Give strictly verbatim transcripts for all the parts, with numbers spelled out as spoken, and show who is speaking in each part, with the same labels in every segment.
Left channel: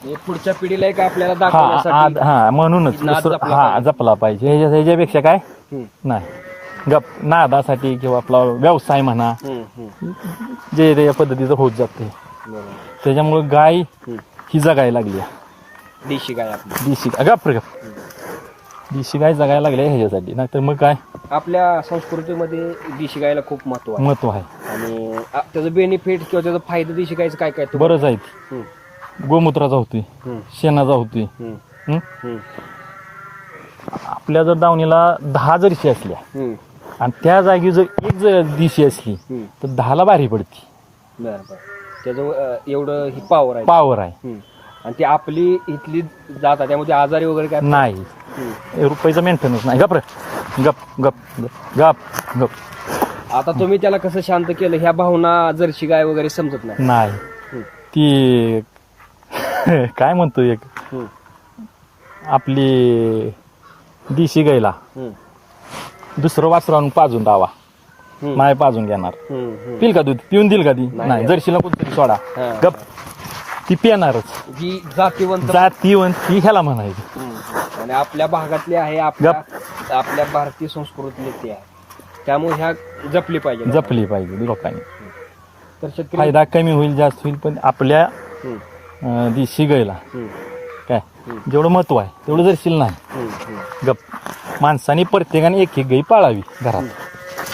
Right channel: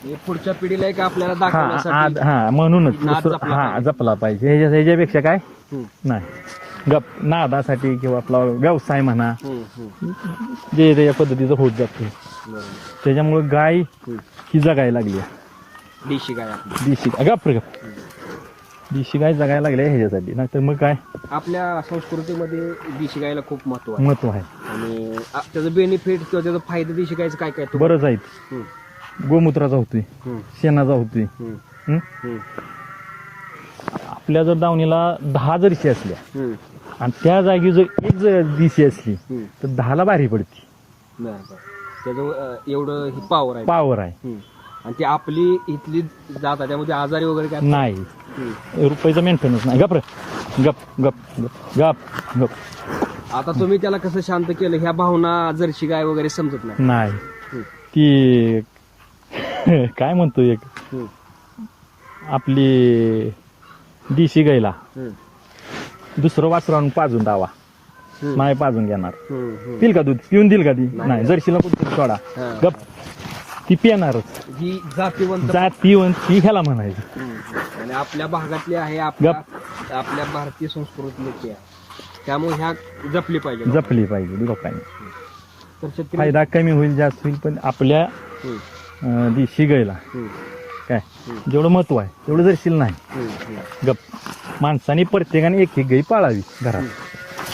Speaker 1: पुढच्या पिढीला एक आपल्याला
Speaker 2: हा
Speaker 1: दाखवण्यासाठी
Speaker 2: आ- हा म्हणूनच
Speaker 1: नाद
Speaker 2: दुसरं-
Speaker 1: जपला
Speaker 2: हा
Speaker 1: पाहिजे.
Speaker 2: जपला पाहिजे ह्याच्या ह्याच्यापेक्षा काय
Speaker 1: हम्म,
Speaker 2: नाही गप नादासाठी किंवा आपला व्यवसाय म्हणा
Speaker 1: हम्म, हम्म.
Speaker 2: जे जे या पद्धतीचं होत जाते
Speaker 1: बरोबर.
Speaker 2: त्याच्यामुळे गाय
Speaker 1: हम्म.
Speaker 2: ही जगायला लागली
Speaker 1: देशी गाय आपली.
Speaker 2: देशी गप रे गप देशी गाय जगायला लागली आहे ह्याच्यासाठी नाहीतर मग काय
Speaker 1: आपल्या संस्कृतीमध्ये देशी गायला खूप महत्व आहे
Speaker 2: महत्व आहे
Speaker 1: आणि आ- त्याचं बेनिफिट किंवा त्याचा फायदा देशी गायचं काय काय तुम्हाला-
Speaker 2: बरंच आहेत
Speaker 1: हम्म,
Speaker 2: गोमूत्राचा होतोय
Speaker 1: हम्म,
Speaker 2: शेणाचा होतोय
Speaker 1: हम्म,
Speaker 2: हं?
Speaker 1: हम्म,
Speaker 2: आपल्या जर दावणीला दहा जर्शी असल्या
Speaker 1: हम्म,
Speaker 2: आणि त्या जागी जर एक जर दिशी असली
Speaker 1: हम्म.
Speaker 2: तर दहाला भारी पडती
Speaker 1: बरं बरं त्याचं अं, एवढं ही पॉवर आहे.
Speaker 2: पावर आहे
Speaker 1: हम्म. आणि ती आपली इथली जात आहे त्यामुळे आजारी वगैरे काय
Speaker 2: नाही
Speaker 1: हम्म.
Speaker 2: रुपयाचं मेंटेनन्स नाही गप रे गप गप गप गप गप
Speaker 1: आता तुम्ही त्याला कसं शांत केलं ह्या भावना जर्शी गाय वगैरे समजत नाही.
Speaker 2: नाही
Speaker 1: हम्म,
Speaker 2: ती काय म्हणतो एक
Speaker 1: हम्म,
Speaker 2: आपली दिशी गायला
Speaker 1: हम्म,
Speaker 2: दुसरं वासरू आणून पाजून दावा
Speaker 1: हम्म,
Speaker 2: माय पाजून घेणार
Speaker 1: हम्म, हम्म.
Speaker 2: पिल का दूध पिऊन देईल का ती
Speaker 1: नाही.
Speaker 2: नाही जर्शीला कोणतरी सोडा
Speaker 1: हा.
Speaker 2: गप ती पिणारच
Speaker 1: ही जातीवंत
Speaker 2: जाती ती ह्याला म्हणायची
Speaker 1: हम्म. आणि आपल्या भागातली आहे आपल्या आपल्या भारतीय संस्कृतीची आहे त्यामुळे ह्या जपली पाहिजे लोकांनी.
Speaker 2: जपली पाहिजे लोकांनी
Speaker 1: तर शेतकरी
Speaker 2: फायदा कमी होईल जास्त होईल पण आपल्या
Speaker 1: हम्म,
Speaker 2: अं, देशी गायला
Speaker 1: हम्म,
Speaker 2: काय जेवढं महत्व आहे तेवढं जरशील नाही
Speaker 1: हम्म, हम्म.
Speaker 2: गप माणसाने प्रत्येकाने एक एक गाई पाळावी घरात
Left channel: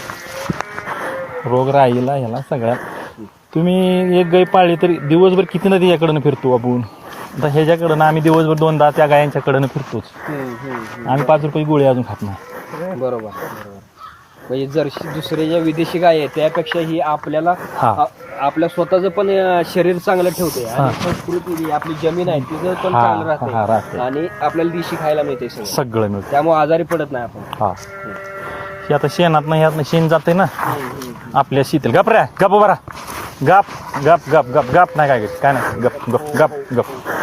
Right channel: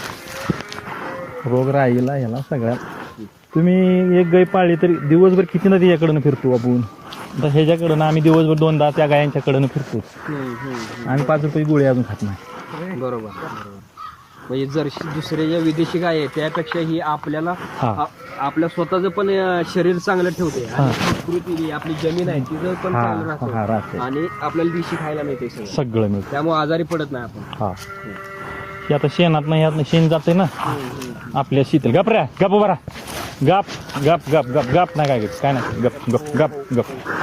Speaker 2: रोग राहीला ह्याला सगळ्या तुम्ही एक गाय पाळली तरी दिवसभर किती ना त्याच्याकडनं फिरतो आपण आता ह्याच्याकडनं आम्ही दिवसभर दोनदा त्या गायांच्याकडनं फिरतोच
Speaker 1: हम्म, हम्म,
Speaker 2: आम्ही पाच रुपये गोळी अजून खात नाही
Speaker 1: हम्म. बरोबर बरोबर म्हणजे जर्शी दुसरे ज्या विदेशी गाय आहेत त्यापेक्षा ही आपल्याला
Speaker 2: हा.
Speaker 1: आ- आपल्या स्वतःचं पण अं, शरीर चांगलं ठेवते आणि संस्कृती जी आपली जमीन आहे तिचं पण
Speaker 2: हा,
Speaker 1: चांगलं
Speaker 2: हा,
Speaker 1: राहते
Speaker 2: राहते.
Speaker 1: आणि आपल्याला दिशी खायला मिळते सगळं
Speaker 2: सगळं मिळतं
Speaker 1: त्यामुळे आजारी पडत नाही आपण
Speaker 2: हा हे आता शेणात नाही ह्यात शेण जाते ना
Speaker 1: हम्म, हम्म.
Speaker 2: आपल्या शीतील गप रे गप बरा गप गप गप गप गप नाही काय काय नाही गप गप गप गप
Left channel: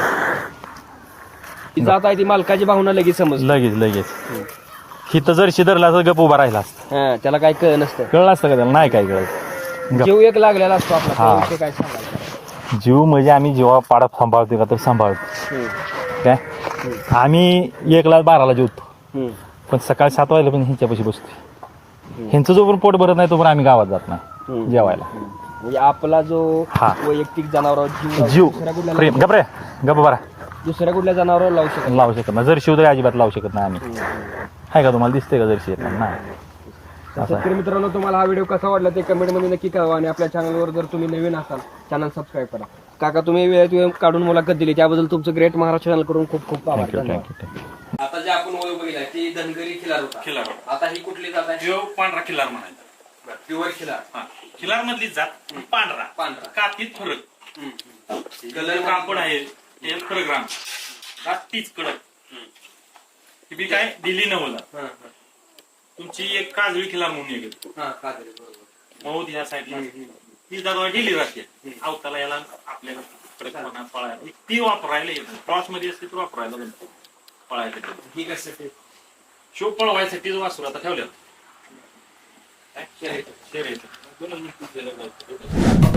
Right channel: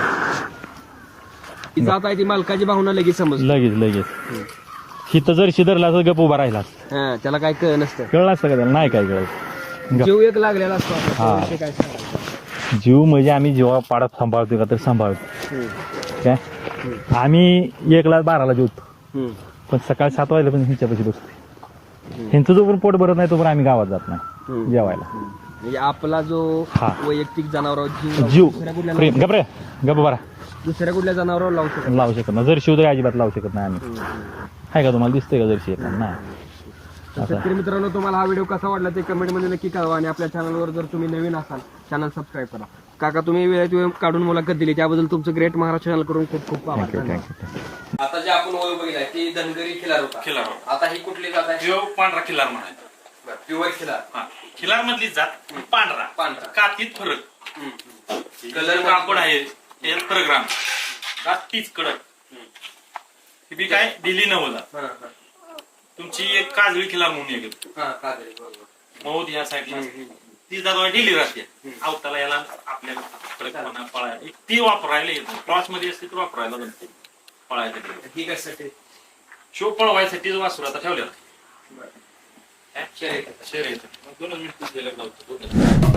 Speaker 1: ती जात आहे ती मालकाची भावना लगेच समजली
Speaker 2: लगेच लगेच हिथं जर शिदरला तर गप उभा राहिला असता.
Speaker 1: हा त्याला काय कळ नसतं
Speaker 2: कळलं असतं का त्याला नाही काय कळत गप
Speaker 1: जीव एक लागलेला असतो आपला
Speaker 2: हा.
Speaker 1: त्याविषयी काय सांगायचं
Speaker 2: जीव म्हणजे आम्ही जेव्हा पाडा सांभाळतो का तर सांभाळतो
Speaker 1: हम्म,
Speaker 2: काय
Speaker 1: हम्म,
Speaker 2: आम्ही एकला बाराला जेवतो
Speaker 1: हम्म,
Speaker 2: पण सकाळी सात वाजला पण ह्यांच्यापाशी बसतो ह्यांचं जो पण पोट भरत नाही तो पण आम्ही गावात जात नाही
Speaker 1: हम्म.
Speaker 2: जेवायला
Speaker 1: म्हणजे आपला जो
Speaker 2: हा.
Speaker 1: वैयक्तिक जनावरावर जीव लावू-
Speaker 2: जीव
Speaker 1: दुसऱ्या कुठल्या
Speaker 2: प्रेम गप रे गप बरा
Speaker 1: दुसऱ्या कुठल्या जनावरावर लावू शकत
Speaker 2: लावू शकत नाही जर शिवदय अजिबात लावू शकत नाही आम्ही
Speaker 1: नाही.
Speaker 2: आहे का तुम्हाला दिसते का जर्शी नाही
Speaker 1: तर शेतकरी मित्रांनो तुम्हाला हा व्हिडिओ कसा वाटला ते कमेंट मध्ये नक्की कळवा आणि आपल्या चॅनलवर जर तुम्ही नवीन असाल चॅनल सबस्क्राईब करा. काका तुम्ही वेळेत वेळ काढून मुलाखत दिली त्याबद्दल तुमचं ग्रेट महाराष्ट्र चॅनल कडून खूप खूप आभार धन्यवाद. आता जे आपण वय बघितलाय ती धनगरी खिलार होता
Speaker 3: खिलार
Speaker 1: आता ही कुठली जात आहे
Speaker 3: जो पांढरा खिलार म्हणायचा
Speaker 1: प्युअर खिलार
Speaker 3: हा खिलार मधली जात पांढरा
Speaker 1: पांढरा.
Speaker 3: कातीत फरक
Speaker 1: कलर
Speaker 3: कलर कापड आहे हे फरक राम जात तीच कडक ही बी काय दिली नवला तुमची एक काजळी खिलार म्हणून एक येतो मौद या साईडला ती जात दिली राहते अवताला याला आपल्या कडकपणा पळायला ती वापरायला येतो क्रॉस मध्ये असते ती वापरायला जमते पळायला
Speaker 1: ही कशासाठी
Speaker 3: शो पळवायसाठीच वासरू आता ठेवलेला
Speaker 1: शर्यत
Speaker 3: शेर येतं दोनच मिनिट